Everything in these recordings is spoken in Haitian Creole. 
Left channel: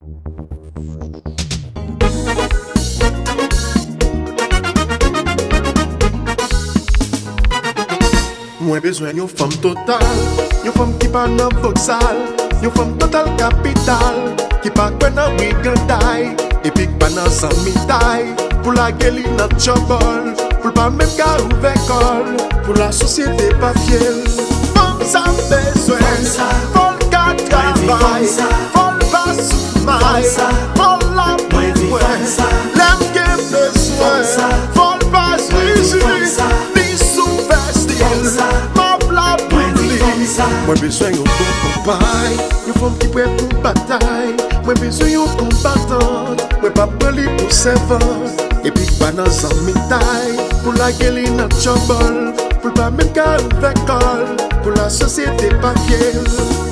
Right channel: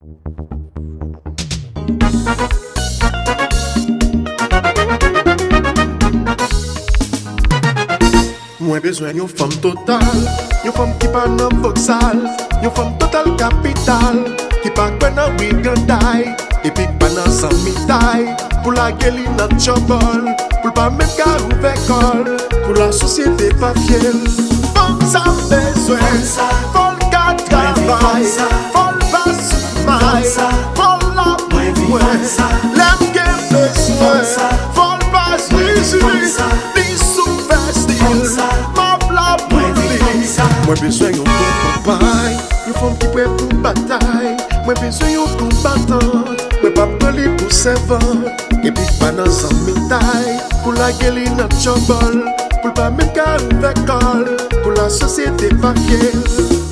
Mwen bezwen yon femme total, yon femme qui pa nan voxal, yon femme total capital, qui pa kwen nan wiganday, epi pa nan samitay, pour la geli nan chobol, pour pas même ka ouve kol, pour la société pa fiel. Femme sa bezwen, fol ka travay, fol pa soumay, fol la pou mwen, lem gen bezwen, fol pa zizi, ni sou vestil. Mwen bezwen yon bon papay, yon femme qui prêt pour bataille. Mwen bezwen yon combattant, mwen pa preli pour servante. Et puis pas nan zanmitay, pour la geli nan chobol, pour pas même ka ouve kol, pour la société pa fiel.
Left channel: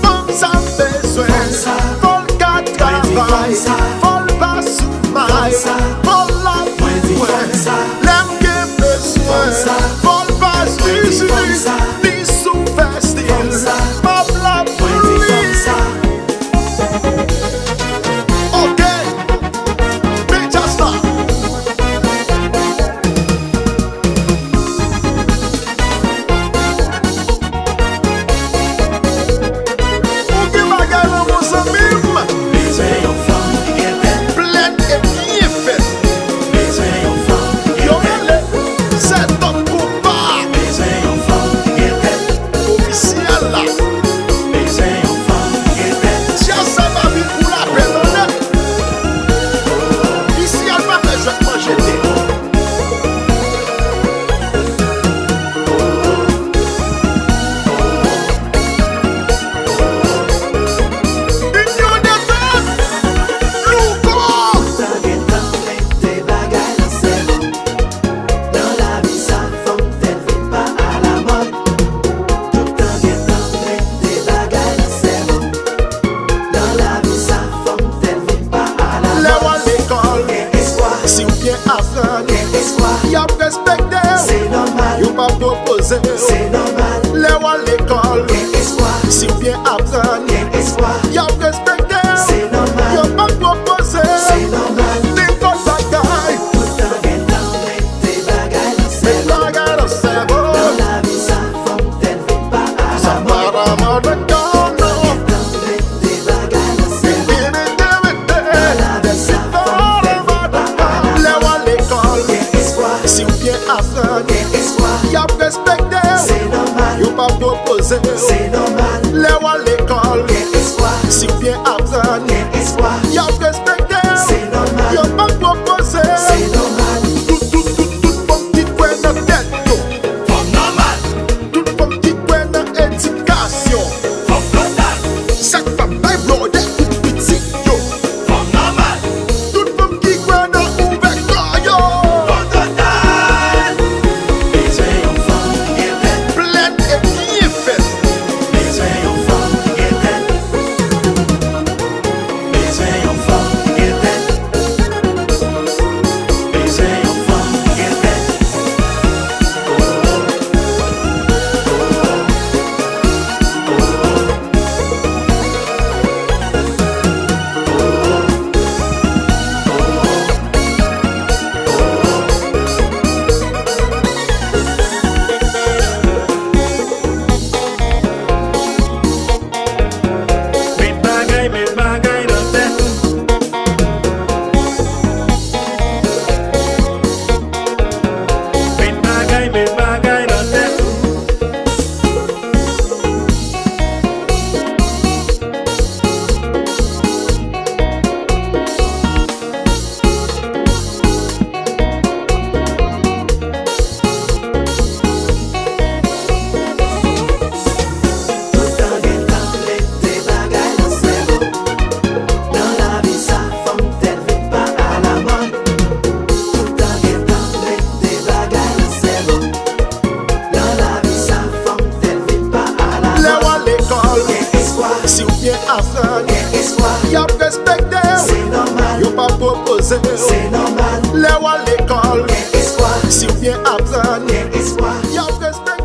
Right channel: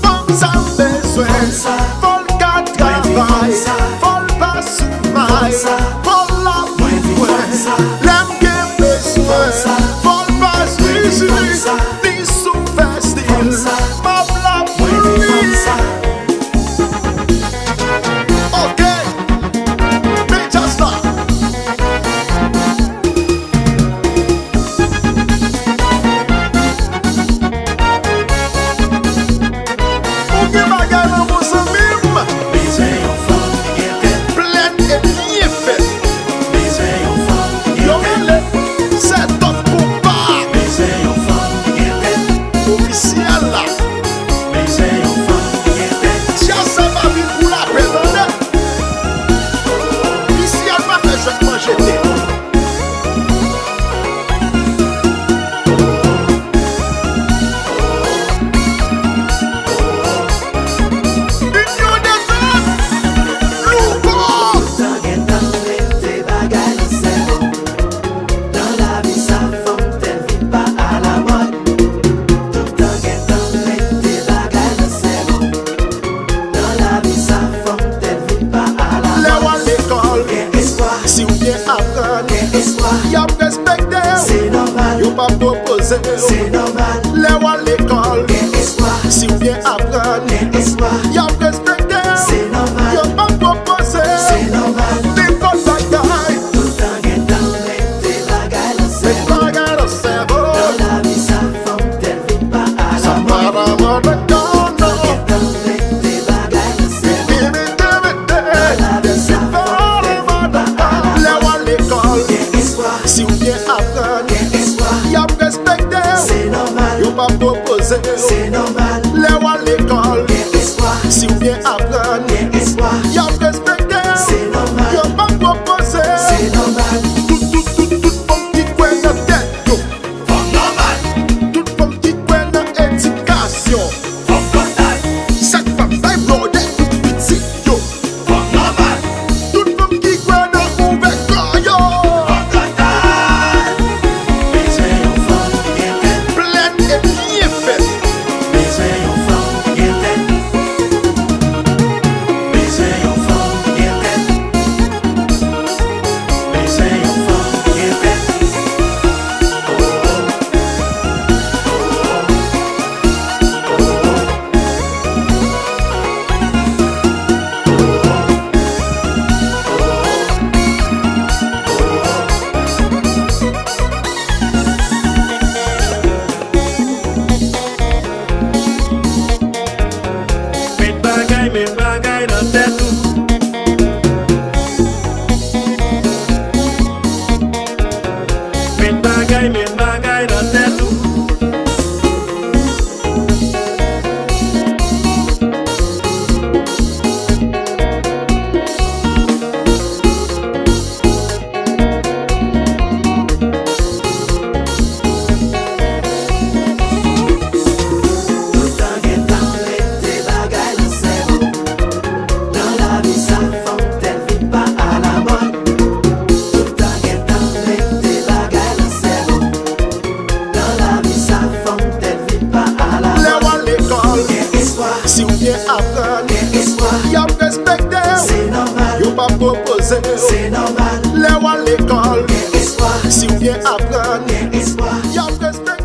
Femme sa bezwen, fol ka travay, fol pa soumay, fol la pou mwen, lem gen bezwen, fol pa zizi, ni sou vestil. Si ou bien apprendre, y'a respecté, y'a pas proposé. Les ou à l'école, si ou bien apprendre, y'a respecté, y'a pas proposé. L'école bagaille, mais bagaille dans le cerveau, ça part à mort de corps, non. Si ou bien apprendre, y'a respecté, y'a pas proposé. Les ou à l'école, si ou bien apprendre, y'a respecté, y'a pas proposé. Tout femme qui kwen nan tête yo, tout femme qui kwen nan éducation, chaque femme bay blode tout petit yo, tout femme qui kwen nan ouve kol yo. Si ou bien apprendre, y'a respecté, y'a pas proposé. Les ou à l'école, si ou bien apprendre, y'a respecté.